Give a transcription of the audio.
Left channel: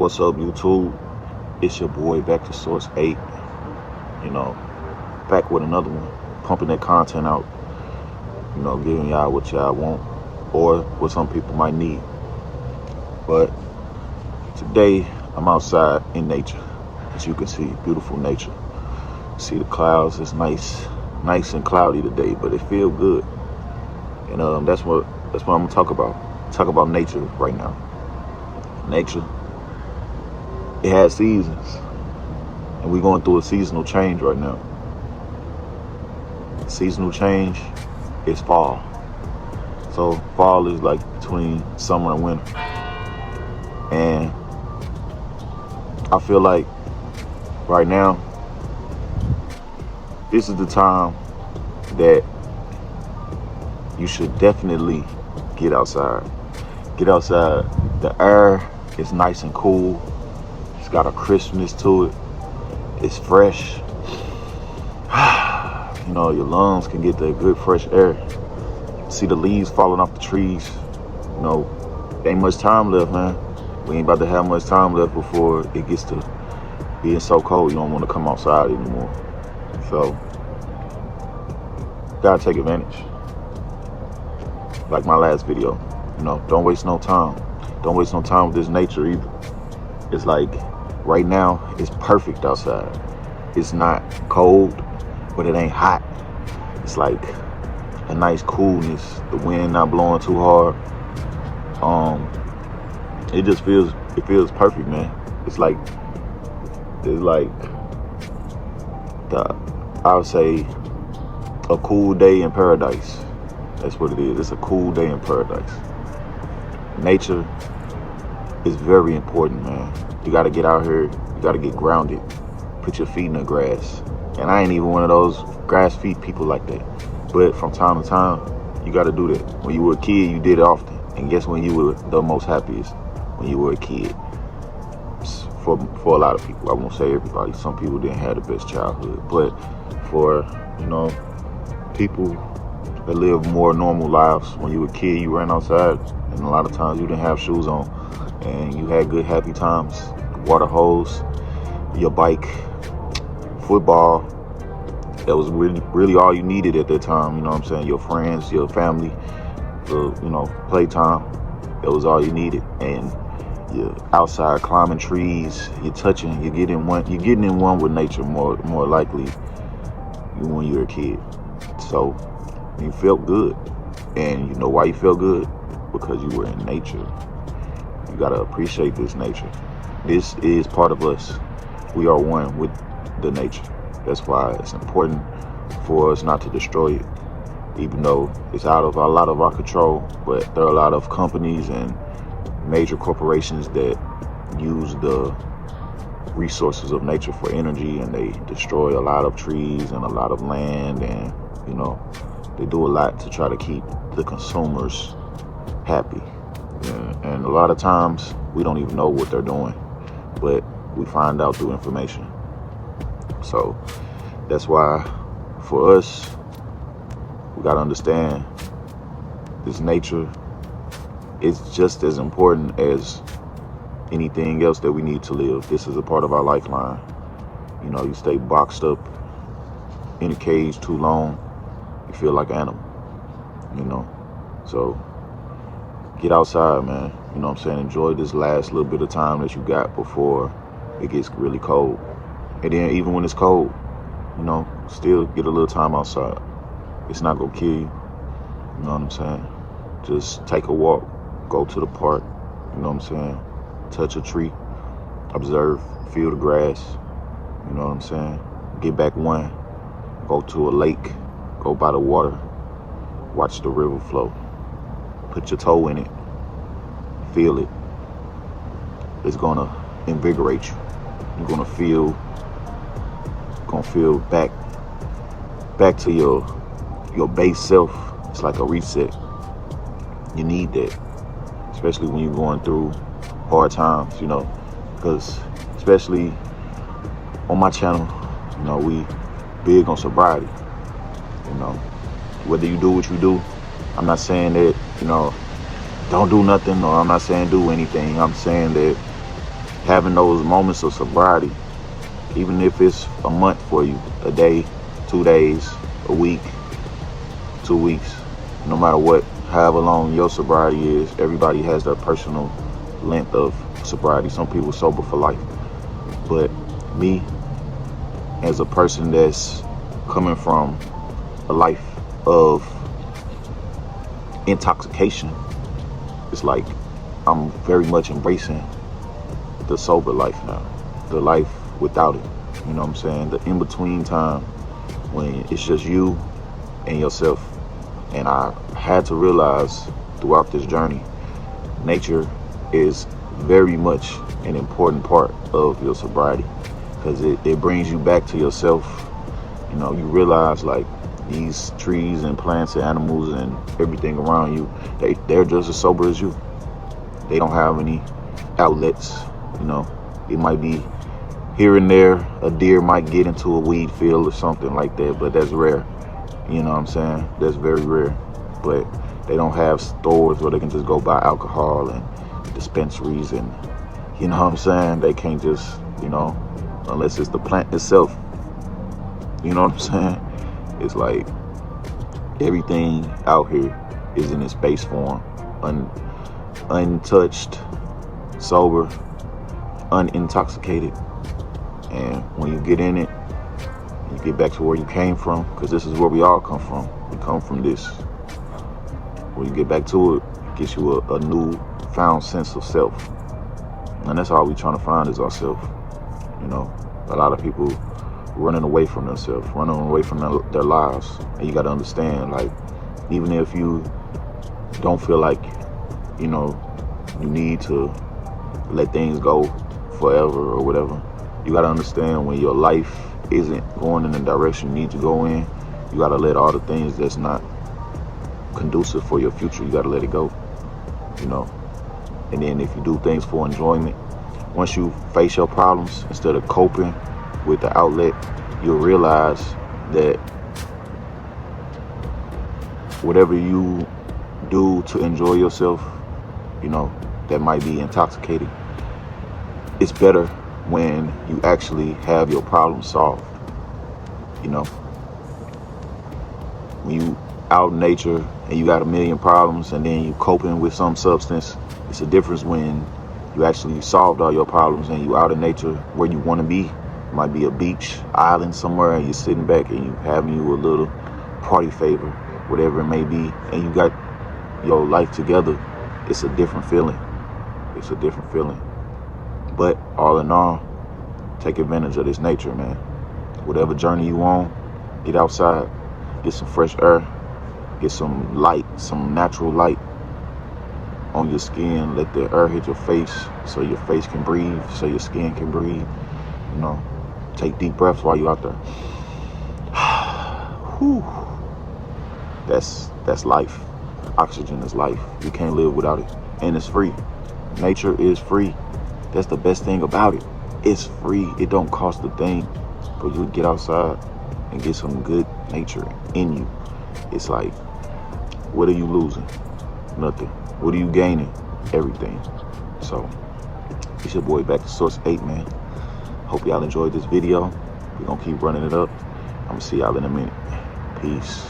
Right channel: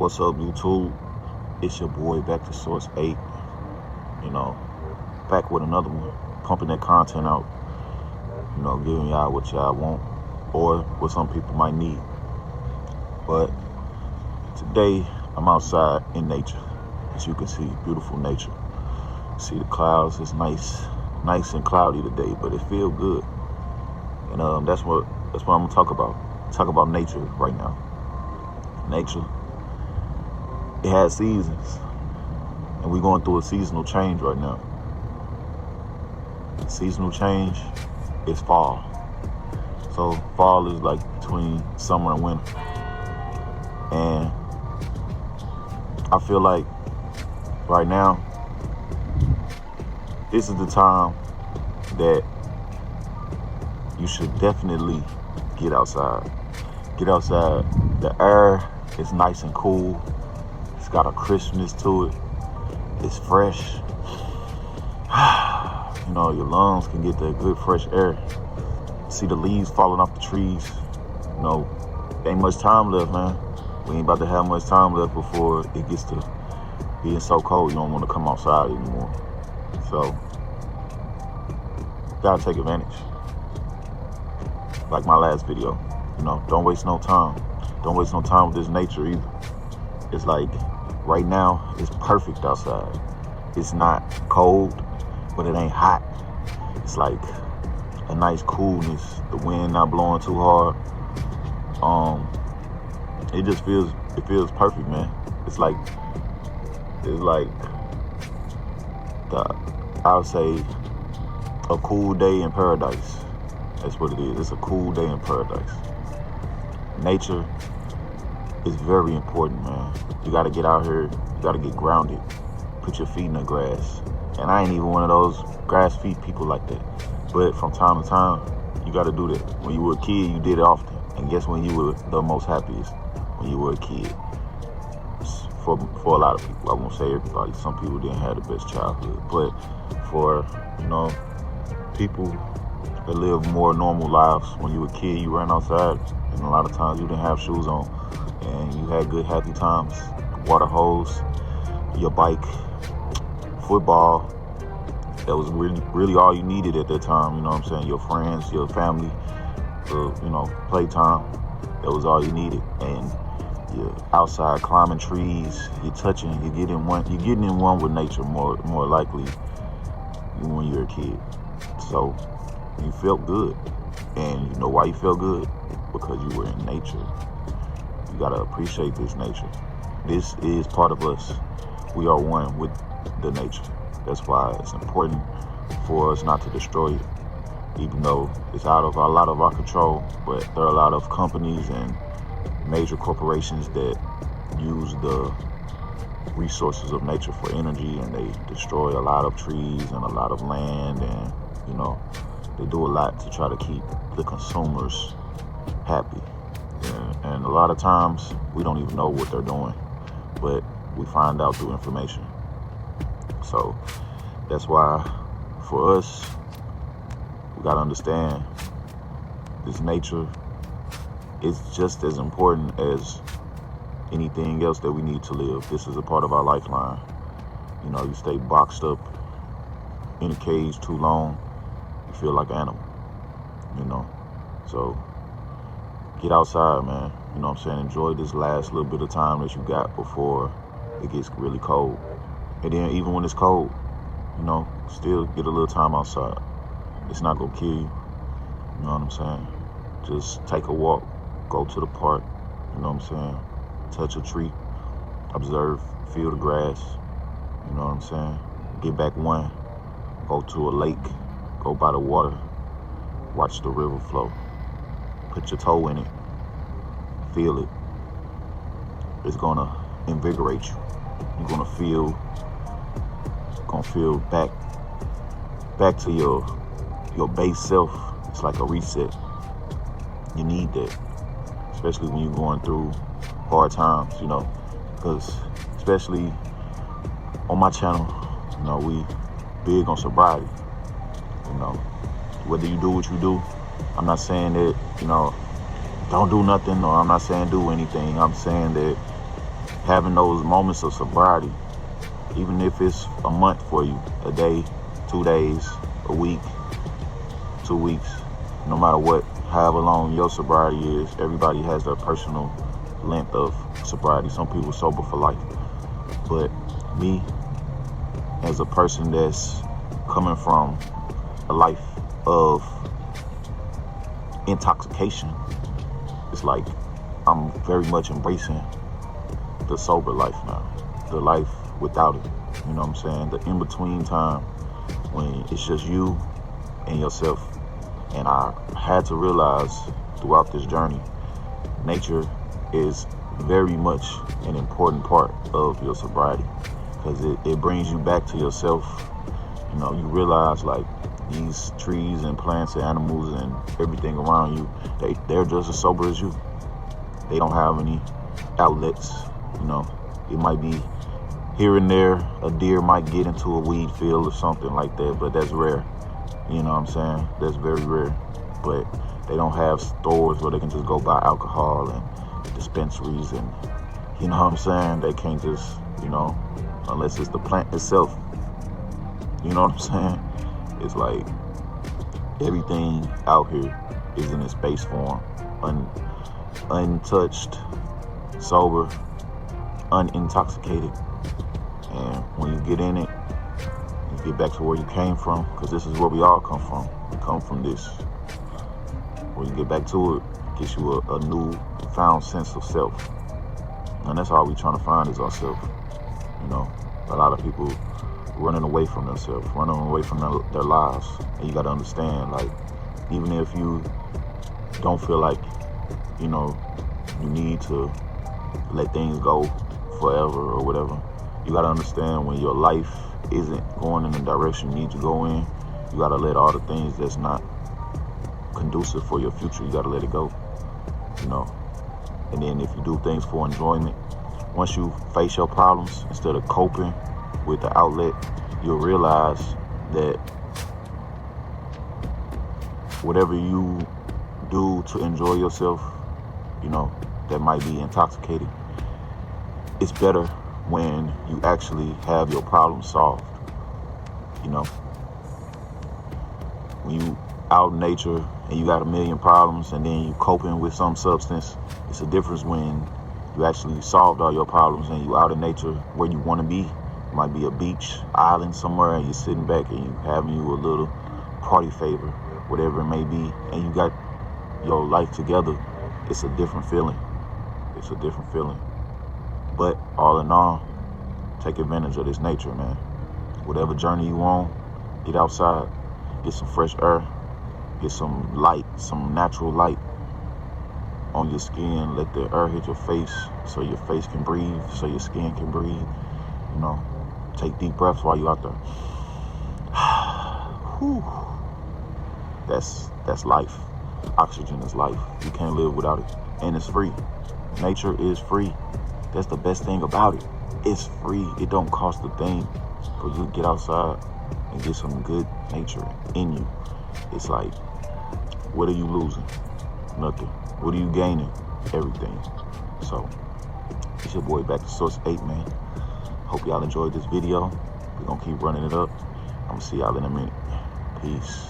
What's up, YouTube? It's your boy, Back to Source 8. You know, back with another one, pumping that content out. You know, giving y'all what y'all want or what some people might need. But today, I'm outside in nature. As you can see, beautiful nature. See the clouds. It's nice and cloudy today, but it feels good. And that's what I'm gonna talk about. Talk about nature right now. Nature. It has seasons, and we're going through a seasonal change right now. Seasonal change is fall. So fall is like between summer and winter. And I feel like right now, this is the time that you should definitely get outside. Get outside. The air is nice and cool. It's got a crispness to it. It's fresh. You know, your lungs can get that good fresh air. See the leaves falling off the trees. You know, ain't much time left, man. We ain't about to have much time left before it gets to being so cold you don't want to come outside anymore. So, gotta take advantage. Like my last video, you know, don't waste no time. Don't waste no time with this nature either. It's like, right now, it's perfect outside. It's not cold, but it ain't hot. It's like a nice coolness. The wind not blowing too hard. It just feels perfect, man. It's like I would say a cool day in paradise. That's what it is. It's a cool day in paradise. Nature is very important, man. You gotta get out here. You gotta get grounded. Put your feet in the grass. And I ain't even one of those grass feet people like that. But from time to time, you gotta do that. When you were a kid, you did it often. And guess when you were the most happiest? When you were a kid. For a lot of people, I won't say everybody. Some people didn't have the best childhood. But for, you know, people that live more normal lives, when you were a kid, you ran outside. And a lot of times you didn't have shoes on. And you had good, happy times. Water hose, your bike, football. That was really all you needed at that time. You know what I'm saying? Your friends, your family, playtime. That was all you needed. And you're outside climbing trees. You're touching. You're getting in one with nature more likely when you're a kid. So you felt good. And you know why you felt good? Because you were in nature. You gotta appreciate this nature. This is part of us. We are one with the nature. That's why it's important for us not to destroy it, even though it's out of a lot of our control. But there are a lot of companies and major corporations that use the resources of nature for energy, and they destroy a lot of trees and a lot of land, and you know, they do a lot to try to keep the consumers happy. And a lot of times we don't even know what they're doing, but we find out through information. So that's why for us, we gotta understand this nature is just as important as anything else that we need to live. This is a part of our lifeline. You know, you stay boxed up in a cage too long, you feel like an animal, you know. So get outside, man. You know what I'm saying? Enjoy this last little bit of time that you got before it gets really cold. And then even when it's cold, you know, still get a little time outside. It's not gonna kill you. You know what I'm saying? Just take a walk, go to the park, you know what I'm saying? Touch a tree, observe, feel the grass, you know what I'm saying? Get back one, go to a lake, go by the water, watch the river flow. Put your toe in it, feel it. It's gonna invigorate you. You're gonna feel back to your base self. It's like a reset. You need that, especially when you're going through hard times, you know, because especially on my channel, you know, we big on sobriety. You know, whether you do what you do, I'm not saying that, you know, don't do nothing, or I'm not saying do anything. I'm saying that having those moments of sobriety, even if it's a month for you, a day, 2 days, a week, 2 weeks, no matter what, however long your sobriety is, everybody has their personal length of sobriety. Some people sober for life. But me, as a person that's coming from a life of intoxication, it's like I'm very much embracing the sober life now, the life without it. You know what I'm saying? The in-between time when it's just you and yourself. And I had to realize throughout this journey, nature is very much an important part of your sobriety, because it brings you back to yourself. You know, you realize like these trees and plants and animals and everything around you, they're just as sober as you. They don't have any outlets. You know, it might be here and there, a deer might get into a weed field or something like that, but that's rare. You know what I'm saying? That's very rare. But they don't have stores where they can just go buy alcohol and dispensaries, and you know what I'm saying? They can't just, you know, unless it's the plant itself. You know what I'm saying? It's like everything out here is in its base form, untouched, sober, unintoxicated. And when you get in it, you get back to where you came from, because this is where we all come from. We come from this. When you get back to it, it gives you a new found sense of self. And that's all we trying to find is ourselves. You know, a lot of people running away from themselves, running away from their lives. And you got to understand, like, even if you don't feel like, you know, you need to let things go forever or whatever, you got to understand when your life isn't going in the direction you need to go in, you got to let all the things that's not conducive for your future, you got to let it go, you know. And then if you do things for enjoyment, once you face your problems, instead of coping with the outlet, you'll realize that whatever you do to enjoy yourself, you know, that might be intoxicating, it's better when you actually have your problem solved. You know, when you out in nature and you got a million problems and then you coping with some substance, it's a difference when you actually solved all your problems and you out in nature where you want to be. It might be a beach, island somewhere, and you're sitting back and you having you a little party favor, whatever it may be, and you got your life together. It's a different feeling. It's a different feeling. But all in all, take advantage of this nature, man. Whatever journey you on, get outside, get some fresh air, get some light, some natural light on your skin. Let the air hit your face so your face can breathe, so your skin can breathe. You know, take deep breaths while you're out there. Whew. That's life. Oxygen is life. You can't live without it. And it's free. Nature is free. That's the best thing about it. It's free. It don't cost a thing for you to get outside and get some good nature in you. It's like, what are you losing? Nothing. What are you gaining? Everything. So, it's your boy Back to Source 8, man. Hope y'all enjoyed this video. We're gonna keep running it up. I'm gonna see y'all in a minute. Peace.